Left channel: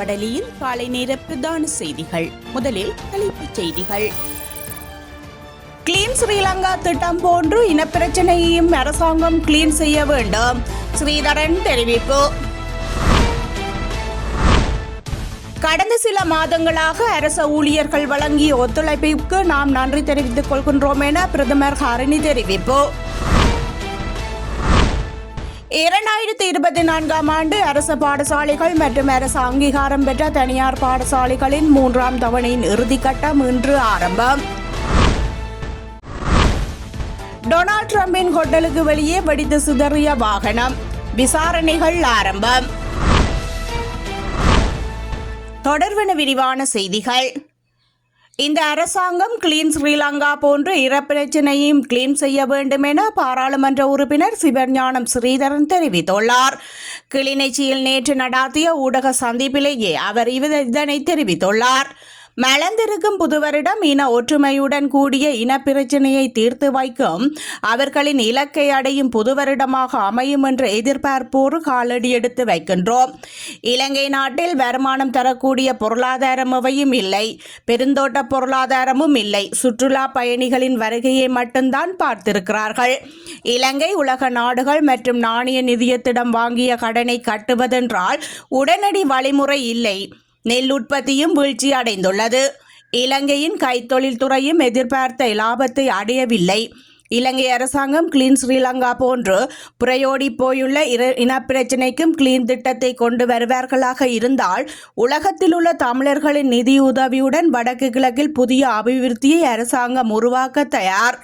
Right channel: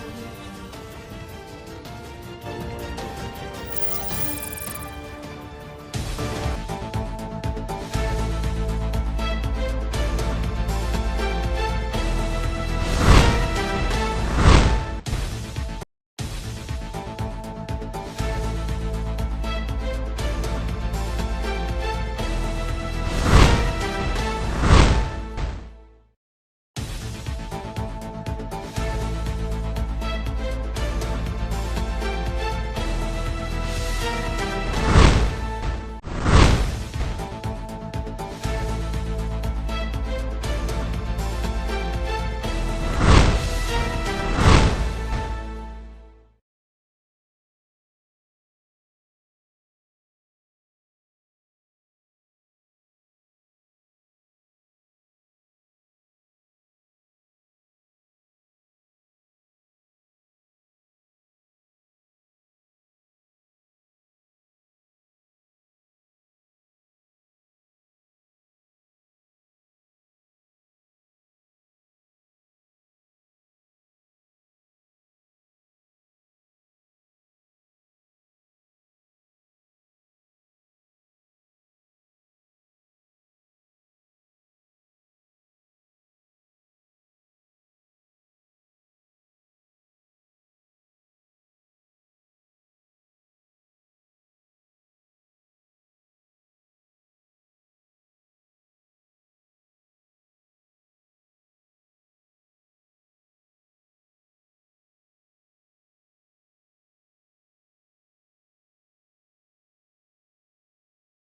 வடலியில் காலை நேர பிரதான செய்திகள். முதலில் தலைப்புச் செய்திகள். கிளீன் ஸ்ரீலங்கா திட்டம் போன்று இனப்பிரச்சனையையும் அரசாங்கம் கிளீன் செய்ய வேண்டும், ஸ்ரீதரன் தெரிவிப்பு. கடந்த சில மாதங்களாக அரச ஊழியர்கள் வழங்கிய ஒத்துழைப்பிற்கு நாம் நன்றி தெரிவித்துக் கொள்கின்றோம் என பிரதமர் ஹரிணி தெரிவிப்பு. 2024 ஆண்டு அரச பாடசாலைகள் மற்றும் அரசு அங்கீகாரம் பெற்ற தனியார் பாடசாலைகளின் 3ஆம் தவணையின் இறுதிக்கட்டம் இன்று ஆரம்பம். டொனால்ட் டிரம்பின் ஹோட்டலுக்கு வெளியே வெடித்து சிதறிய வாகனம், விசாரணைகள் ஆரம்பம். தொடர்பான விரிவான செய்திகள். இந்த அரசாங்கம் கிளீன் ஸ்ரீலங்கா போன்று இனப்பிரச்சனையையும் கிளீன் செய்ய வேண்டும் என பாராளுமன்ற உறுப்பினர் சிவஞானம் ஸ்ரீதரன் தெரிவித்துள்ளார். கிளிநொச்சியில் நேற்று நடாத்திய ஊடக சந்திப்பிலேயே அவர் இதனை தெரிவித்துள்ளார். மலர்ந்திருக்கும் புதுவருடம் இன ஒற்றுமையுடன் கூடிய இனப்பிரச்சனையை தீர்த்து வைக்கும் அவர்களின் இலக்கை அடையும் புதுவருடமாக அமையும் என்ற எதிர்பார்ப்போடு காலடி எடுத்து வைக்கின்றோம். இலங்கை நாட்டில் வருமானம் தரக்கூடிய பொருளாதாரம் எவையும் இல்லை, பெருந்தோட்ட பொருளாதாரமும் இல்லை. சுற்றுலா பயணிகளின் வருகையை மட்டும்தான் பார்த்திருக்கிறார்கள். இலங்கை உலக நாடுகள் மற்றும் நாணய நிதியத்திடம் வாங்கிய கடனை கட்டுவதென்றால் உடனடி வழிமுறை இல்லை. நெல் உற்பத்தியும் வீழ்ச்சி அடைந்துள்ளது. இலங்கையின் கைத்தொழில் துறையும் எதிர்பார்த்த லாபத்தை அடையவில்லை. இலங்கை அரசாங்கம் கிளீன் ஸ்ரீலங்கா போன்று புரையோடி போயுள்ள இனப்பிரச்சினைக்கும் கிளீன் திட்டத்தை கொண்டு வருவார்களாக இருந்தால் உலகத்தில் உள்ள தமிழர்களின் நிதியுதவியுடன் வடக்கு கிழக்கில் புதிய அபிவிருத்தியை அரசாங்கம் உருவாக்க தயார்.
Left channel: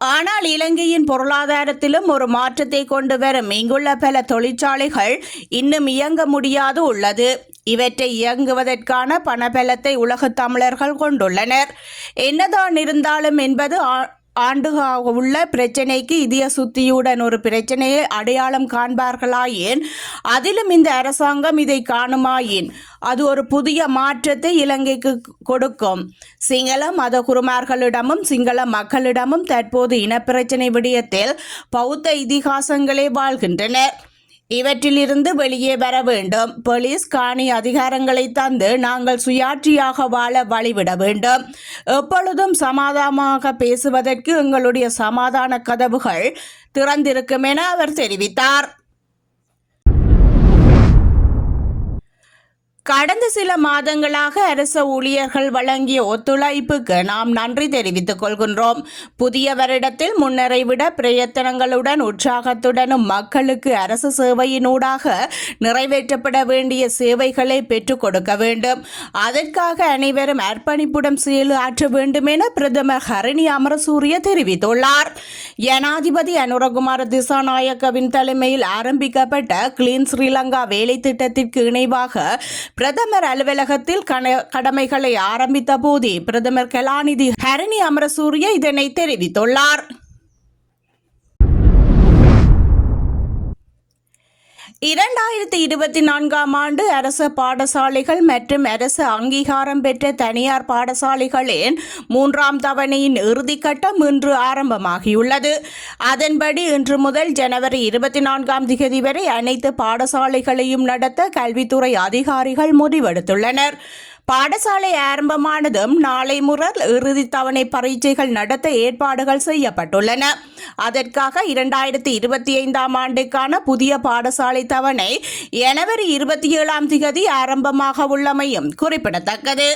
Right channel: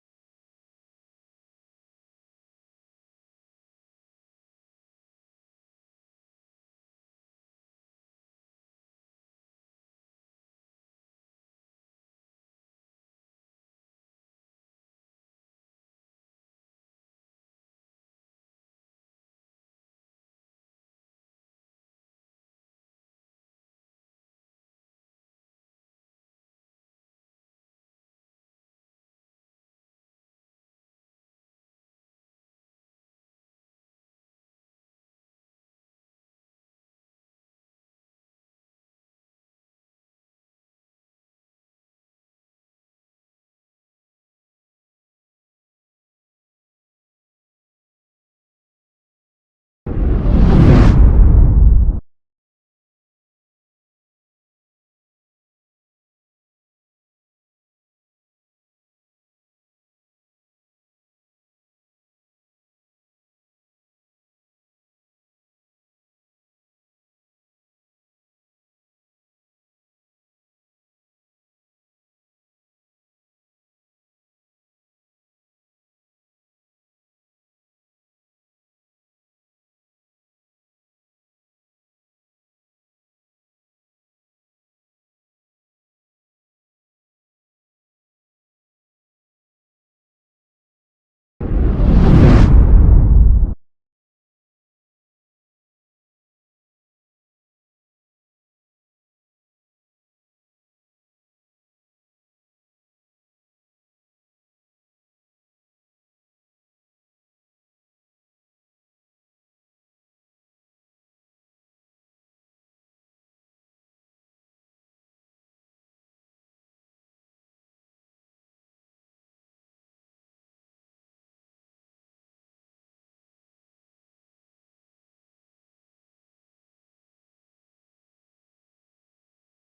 ஆனால் இலங்கையின் பொருளாதாரத்திலும் ஒரு மாற்றத்தை கொண்டு வரும் இங்குள்ள பல தொழிற்சாலைகள் இன்னும் இயங்க முடியாது உள்ளது. இவற்றை இயங்குவதற்கான பணபலத்தை உலகத் தமிழர்கள் கொண்டுள்ளனர். என்னதான் இருந்தாலும் என்பது ஆண்டுகாக உள்ள பிரச்சனைக்கு இதய சுத்தியுடன் ஒரு பிரச்சனையை அடையாளம் காண்பார்களாயின், அதிலும் இந்த அரசாங்கம் இதை காணுமாயின் அது ஒரு புதிய மாற்றத்தை இலங்கைக்கு கொடுக்கும். சிங்கள மத குருமார்களிடமும் சிங்கள மக்களிடமும் தற்போது இனப்பிரச்சனை விடயத்தில் பௌத்த இதிகாசங்களே வாழ்கின்றனர். இவற்றிலிருந்து வெளியே வர வேண்டும். போலீஸ் காணி அதிகாரங்களை தந்து நாங்கள் சுயாட்சியாக வாழ வழிவிட வேண்டும். எப்பொழுதும் சமாதானமாக பேசுவதற்கு எங்களுடைய சமாதான கதவுகள் திறந்திருக்கும் என அவர் தெரிவித்தார். கடந்த சில மாதங்களாக அரச ஊழியர்கள் வழங்கிய ஒத்துழைப்புக்கு நாம் நன்றி தெரிவித்துக் கொள்கின்றோம். புதிய வருடத்தில் முன்னரை விட பிரயத்தனங்களுடன் உற்சாகத்துடனும் மக்களுக்கு அரசு சேவையினூடாக நிறைவேற்றப்பட வேண்டிய சேவைகளை பெற்றுக் கொடுக்க வேண்டும். அதற்காக அனைவரும் அர்ப்பணிப்புடன் செயலாற்ற வேண்டும் என பிரதமர் ஹரிணி அமரசூரிய தெரிவித்துள்ளார். ஜனாதிபதி அனுரகுமார திசாநாயக்கவின் தலைமையில் ஆரம்பிக்கப்பட்ட கிளீன் ஸ்ரீலங்கா வேலை திட்டத்திற்கு இணைவாக பிரதமர் அலுவலகத்தில் கடமைகளை ஆரம்பித்த போதே பிரதமர் கலாநிதி ஹரிணி அமரசூரிய இதனை தெரிவித்துள்ளார். 2024 ஆண்டு அரச பாடசாலைகள் மற்றும் அரசு அங்கீகாரம் பெற்ற தனியார் பாடசாலைகளின் 3ஆம் தவணையின் இறுதிக்கட்டம் இன்று ஆரம்பமாகியுள்ளது. அதன்படி இன்று முதல் ஜனவரி 24ஆம் தேதி வரை அனைத்து பாடசாலைகளையும் நடத்த கல்வித்துறை அதிகாரிகள் முடிவெடுத்துள்ளனர். பாடசாலை ஆரம்பமானதும் நாளை முதல் இறுதி தவணை பரீட்சைகள் நடத்த ஏற்பாடுகள் செய்யப்பட்டுள்ளன. அதற்காக 2025ஆம் ஆண்டுக்கான புதிய பாடசாலை தவணை ஜனவரி 27ஆம் தேதி ஆரம்பமாக உள்ளமையும் குறிப்பிடத்தக்கது.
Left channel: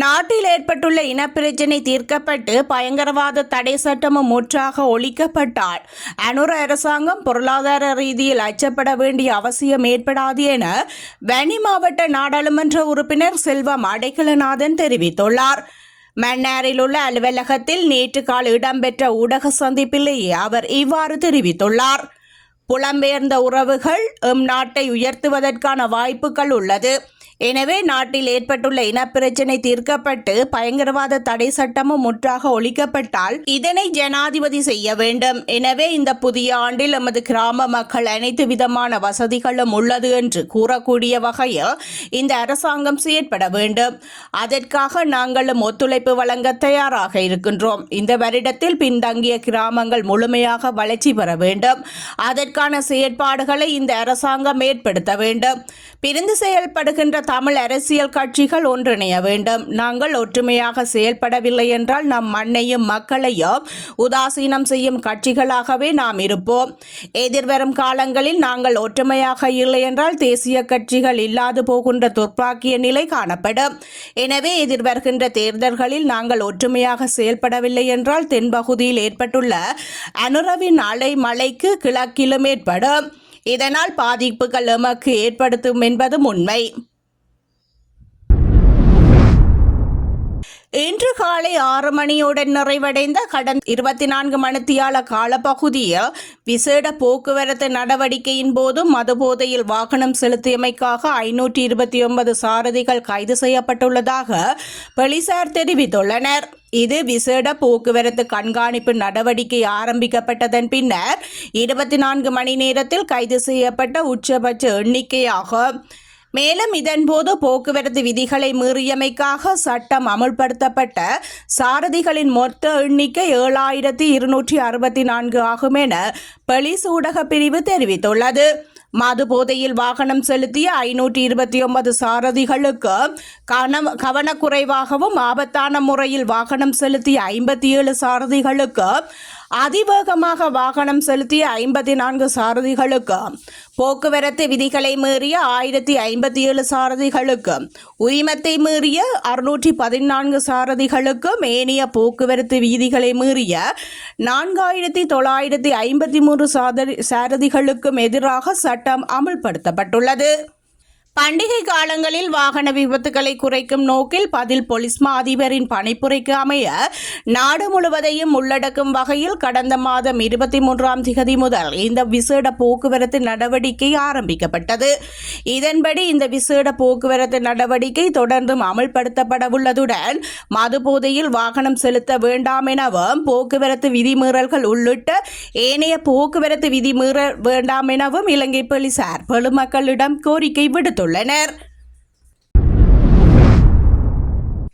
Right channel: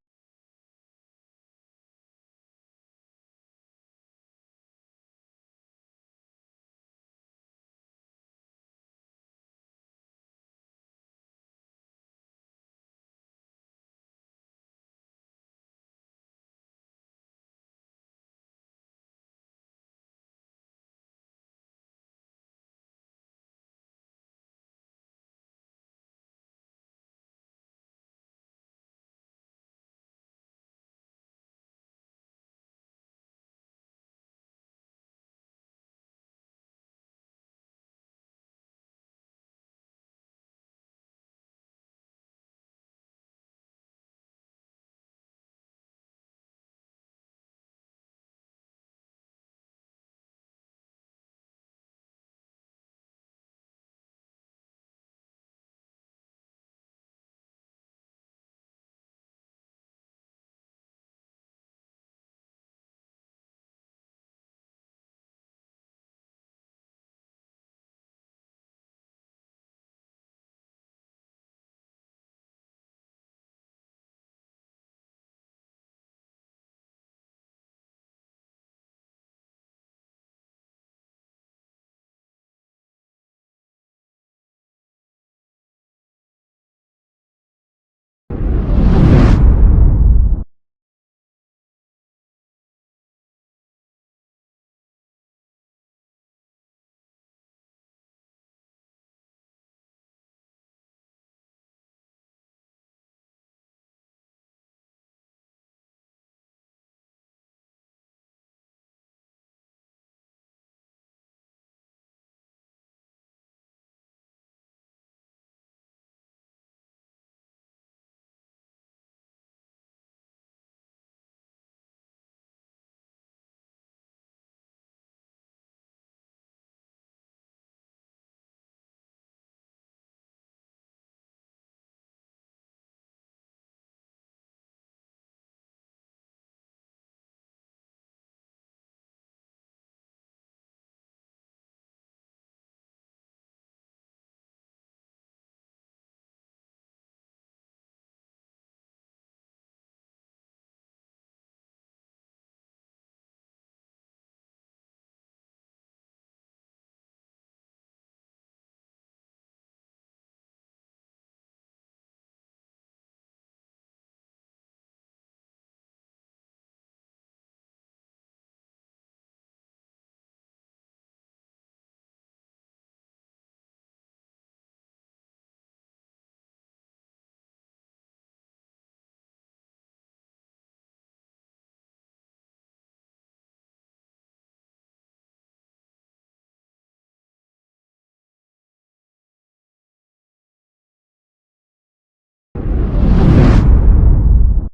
நாட்டில் ஏற்பட்டுள்ள இனப்பிரச்சினை தீர்க்கப்பட்டு பயங்கரவாத தடை சட்டமும் முற்றாக ஒழிக்கப்பட்டால் அனுர அரசாங்கம் பொருளாதார ரீதியில் அச்சப்பட வேண்டிய அவசியம் ஏற்படாது என வன்னி மாவட்ட நாடாளுமன்ற உறுப்பினர் செல்வம் அடைக்கலநாதன் தெரிவித்துள்ளார். மன்னாரில் உள்ள அலுவலகத்தில் நேற்று காலை இடம்பெற்ற ஊடக சந்திப்பிலேயே அவர் இவ்வாறு தெரிவித்துள்ளார். புலம்பெயர்ந்த உறவுகள் நாட்டை உயர்த்துவதற்கான வாய்ப்புகள் உள்ளது. எனவே நாட்டில் ஏற்பட்டுள்ள இனப்பிரச்சினை தீர்க்கப்பட்டு பயங்கரவாத தடை சட்டமும் முற்றாக ஒழிக்கப்பட்டால் இதனை ஜனாதிபதி செய்ய வேண்டும். எனவே இந்த புதிய ஆண்டில் நமது கிராம மக்கள் அனைத்து விதமான வசதிகளும் உள்ளது என்று கூறக்கூடிய வகையில் இந்த அரசாங்கம் செயற்பட வேண்டும். அதற்காக நாங்களும் ஒத்துழைப்பு வழங்க தயாராக இருக்கின்றோம். இந்த வருடத்தில் பின்தங்கிய கிராமங்கள் முழுமையாக வளர்ச்சி பெற வேண்டும். அதற்காக இதற்கான செயற்பாடுகளை இந்த அரசாங்கம் ஏற்படுத்த வேண்டும். பிரிந்து செயல்படுகின்ற தமிழ் அரசியல் கட்சிகள் ஒன்றிணைய வேண்டும். நாங்கள் ஒற்றுமையாக செயல்படவில்லை என்றால் நம் மண்ணையும் மக்களையும் உதாசீனம் செய்யும் கட்சிகளாகவே நாம் இருப்போம். எதிர்வரும் காலங்களில் நாங்கள் ஒற்றுமையாக இல்லை என்றால் தேசிய கட்சிகள் இல்லாது போகின்ற துர்ப்பாக்கிய நிலை காணப்படும். எனவே எதிர்வருகின்ற தேர்தல்களில் நாங்கள் ஒற்றுமையாக செயல்படவில்லை என்றால் தென்பகுதியில் ஏற்பட்டுள்ள அனுரவின் அலை மழைக்கு கிழக்கிலும் ஏற்படும். இதனால் பாதிப்புகள் எமக்கு ஏற்படுத்தும் என்பதும் உண்மை. இன்று காலை 6 மணியுடன் நிறைவடைந்த கடந்த 24 மணித்தியால காலப்பகுதியில் விசேட போக்குவரத்து நடவடிக்கையின் போது மதுபோதையில் வாகனம் செலுத்தியமைக்காக 529 சாரதிகள் கைது செய்யப்பட்டுள்ளதாக போலீசார் தெரிவித்துள்ளனர். இது விசேட போக்குவரத்து கண்காணிப்பு நடவடிக்கை ஆரம்பிக்கப்பட்டதன் பின்னர் 24 மணி நேரத்தில் கைது செய்யப்பட்ட உச்சபட்ச எண்ணிக்கையாகும். மேலும் இதன்போது போக்குவரத்து விதிகளை மீறியமைக்காக சட்டம் அமுல்படுத்தப்பட்ட சாரதிகளின் மொத்த எண்ணிக்கை 7264 ஆகும் என போலீஸ் ஊடக பிரிவு தெரிவித்துள்ளது. மது போதையில் வாகனம் செலுத்திய 529 சாரதிகளுக்கு கவனக்குறைவாகவும் ஆபத்தான முறையில் வாகனம் செலுத்திய 57 சாரதிகளுக்கு அதிவேகமாக வாகனம் செலுத்திய 54 சாரதிகளுக்கு போக்குவரத்து விதிகளை மீறிய 1057 சாரதிகளுக்கு உரிமத்தை மீறிய 614 சாரதிகளுக்கும் ஏனைய போக்குவரத்து விதிகளை மீறிய 4953 சாரதிகளுக்கும் எதிராக சட்டம் அமுல்படுத்தப்பட்டுள்ளது. பண்டிகை காலங்களில் வாகன விபத்துகளை குறைக்கும் நோக்கில் பதில் போலீஸ் மா அதிபரின் பணிப்புரைக்கு அமைய நாடு முழுவதையும் உள்ளடக்கும் வகையில் கடந்த மாதம் 23ஆம் தேதி முதல் இந்த விசேட போக்குவரத்து நடவடிக்கை ஆரம்பிக்கப்பட்டது. இதன்படி இந்த விசேட போக்குவரத்து நடவடிக்கை தொடர்ந்தும் அமல்படுத்தப்பட உள்ளதுடன் மது போதையில் வாகனம் செலுத்த வேண்டாம் எனவும் போக்குவரத்து விதிமீறல்கள் உள்ளிட்ட ஏனைய போக்குவரத்து விதிமீற வேண்டாம் எனவும் இலங்கை போலீசார் பொதுமக்களிடம் கோரிக்கை விடுத்துள்ளனர்.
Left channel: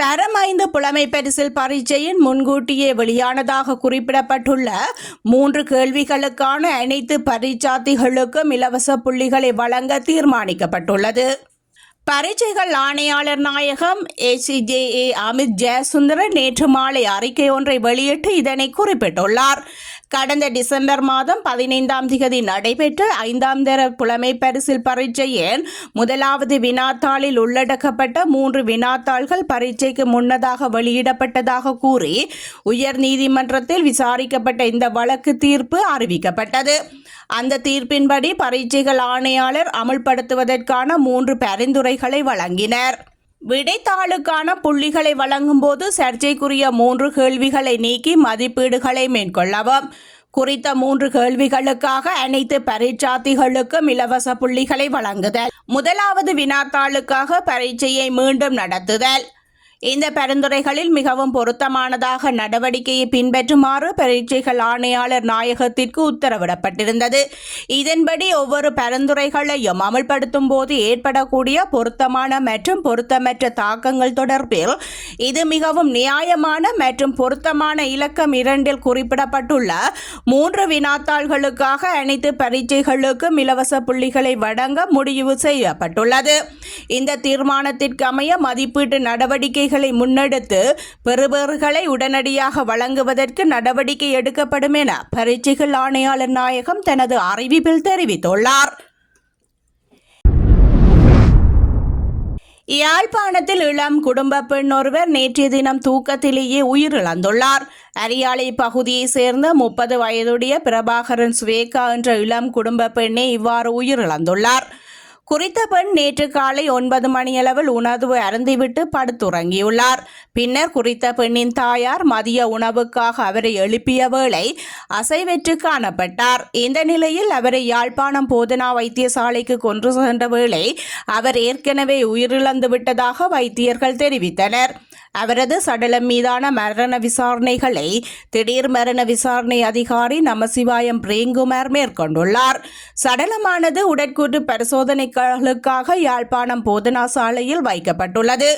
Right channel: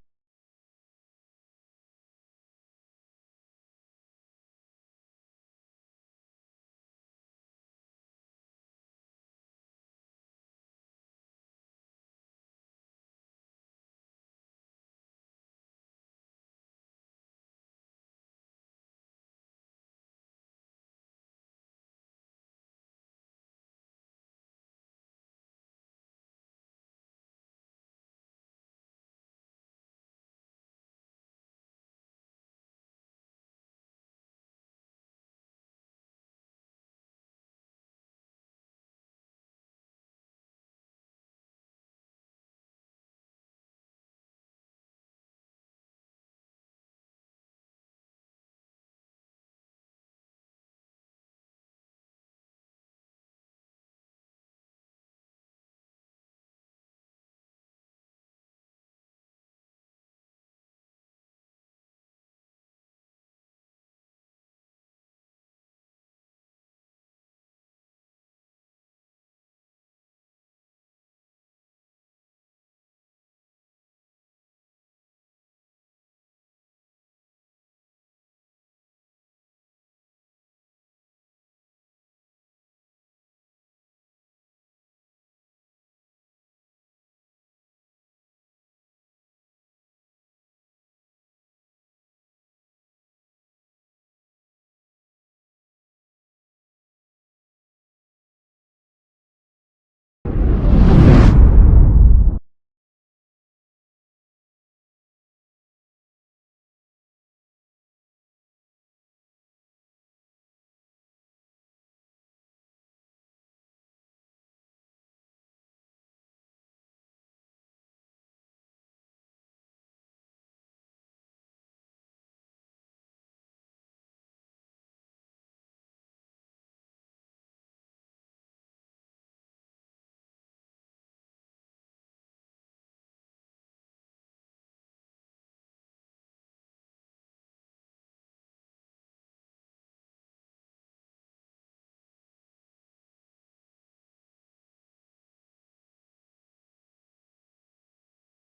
தரம் 5 புலமை பரிசில் பரீட்சையின் முன்கூட்டியே வெளியானதாக குறிப்பிடப்பட்டுள்ள 3 கேள்விகளுக்கான அனைத்து பரீட்சார்த்திகளுக்கும் இலவச புள்ளிகளை வழங்க தீர்மானிக்கப்பட்டுள்ளது. பரீட்சைகள் ஆணையாளர் நாயகம் ACJA அமித் ஜெயசுந்தரன் நேற்று மாலை அறிக்கை ஒன்றை வெளியிட்டு இதனை குறிப்பிட்டுள்ளார். கடந்த டிசம்பர் மாதம் 15ஆம் தேதி நடைபெற்ற 5ஆம் தர புலமை பரிசில் பரீட்சையின் முதலாவது வினாத்தாளில் உள்ளடக்கப்பட்ட 3 வினாத்தாள்கள் பரீட்சைக்கு முன்னதாக வெளியிடப்பட்டதாக கூறி உயர் நீதிமன்றத்தில் விசாரிக்கப்பட்ட இந்த வழக்கு தீர்ப்பு அறிவிக்கப்பட்டது. அந்த தீர்ப்பின்படி பரீட்சைகள் ஆணையாளர் அமல்படுத்துவதற்கான 3 பரிந்துரைகளை வழங்கினர். விடைத்தாளுக்கான புள்ளிகளை வழங்கும் போது சர்ச்சைக்குரிய 3 கேள்விகளை நீக்கி மதிப்பீடுகளை மேற்கொள்ளவும். குறித்த 3 கேள்விகளுக்காக அனைத்து பரீட்சார்த்திகளுக்கும் இலவச புள்ளிகளை வழங்குதல். முதலாவது வினாத்தாளுக்காக பரீட்சையை மீண்டும் நடத்துதல். இந்த பரிந்துரைகளில் மிகவும் பொருத்தமானதாக நடவடிக்கையை பின்பற்றுமாறு பரீட்சைகள் ஆணையாளர் நாயகத்திற்கு உத்தரவிடப்பட்டிருந்தது. இதன்படி ஒவ்வொரு பரிந்துரைகளையும் அமல்படுத்தும் போது ஏற்படக்கூடிய பொருத்தமான மற்றும் பொருத்தமற்ற தாக்கங்கள் தொடர்பில் இது மிகவும் நியாயமான மற்றும் பொருத்தமான இலக்கம் 2இல் குறிப்பிடப்பட்டுள்ள 3 வினாத்தாள்களுக்காக அனைத்து பரீட்சைகளுக்கும் இலவச புள்ளிகளை வழங்க முடிவு செய்யப்பட்டுள்ளது. இந்த தீர்மானத்திற்கு அமைய மதிப்பீட்டு நடவடிக்கை முன்னெடுத்து பெறுபேறுகளை உடனடியாக வழங்குவதற்கு நடவடிக்கை எடுக்கப்படும் என பரீட்சைகள் ஆணையாளர் நாயகம் தனது அறிவிப்பில் தெரிவித்துள்ளார். யாழ்ப்பாணத்தில் இளம் குடும்ப பெண் ஒருவர் நேற்றைய தினம் தூக்கத்திலேயே உயிரிழந்துள்ளார். அரியாலை பகுதியை சேர்ந்த 30 வயதுடைய பிரபாகரன் சுவேகா என்ற இளம் குடும்ப பெண்ணே இவ்வாறு உயிரிழந்துள்ளார். குறித்த பெண் நேற்று காலை 9 மணியளவில் உணவு அருந்திவிட்டு படுத்துறங்கியுள்ளார். பின்னர் குறித்த பெண்ணின் தாயார் மதிய உணவுக்காக அவரை எழுப்பிய வேளை அசைவற்று காணப்பட்டார். இந்த நிலையில் அவரை யாழ்ப்பாணம் போதனா வைத்தியசாலைக்கு கொண்டு சென்ற வேளை அவர் ஏற்கனவே உயிரிழந்து விட்டதாக வைத்தியர்கள் தெரிவித்தனர். அவரது சடலம் மீதான மரண விசாரணைகளை திடீர் மரண விசாரணை அதிகாரி நமசிவாயம் பிரேம்குமார் மேற்கொண்டுள்ளார். சடலமானது உடற்கூற்று பரிசோதனைகளுக்காக யாழ்ப்பாணம் போதனா சாலையில் வைக்கப்பட்டுள்ளது.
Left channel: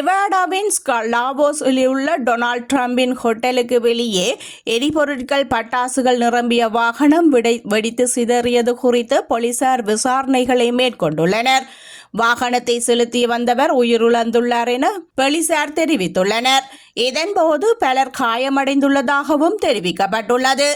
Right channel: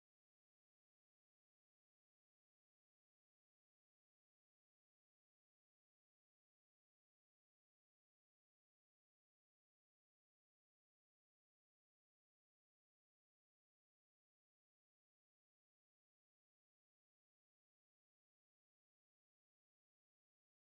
நெவாடாவின் லாவோஸில் உள்ள டொனால்ட் ட்ரம்பின் ஹோட்டலுக்கு வெளியே எரிபொருட்கள் பட்டாசுகள் நிரம்பிய வாகனம் வெடித்து சிதறியது குறித்து போலீசார் விசாரணைகளை மேற்கொண்டுள்ளனர். வாகனத்தை செலுத்தி வந்தவர் உயிரிழந்துள்ளார் என போலீசார் தெரிவித்துள்ளனர். இதன்போது பலர் காயமடைந்துள்ளதாகவும் தெரிவிக்கப்பட்டுள்ளது.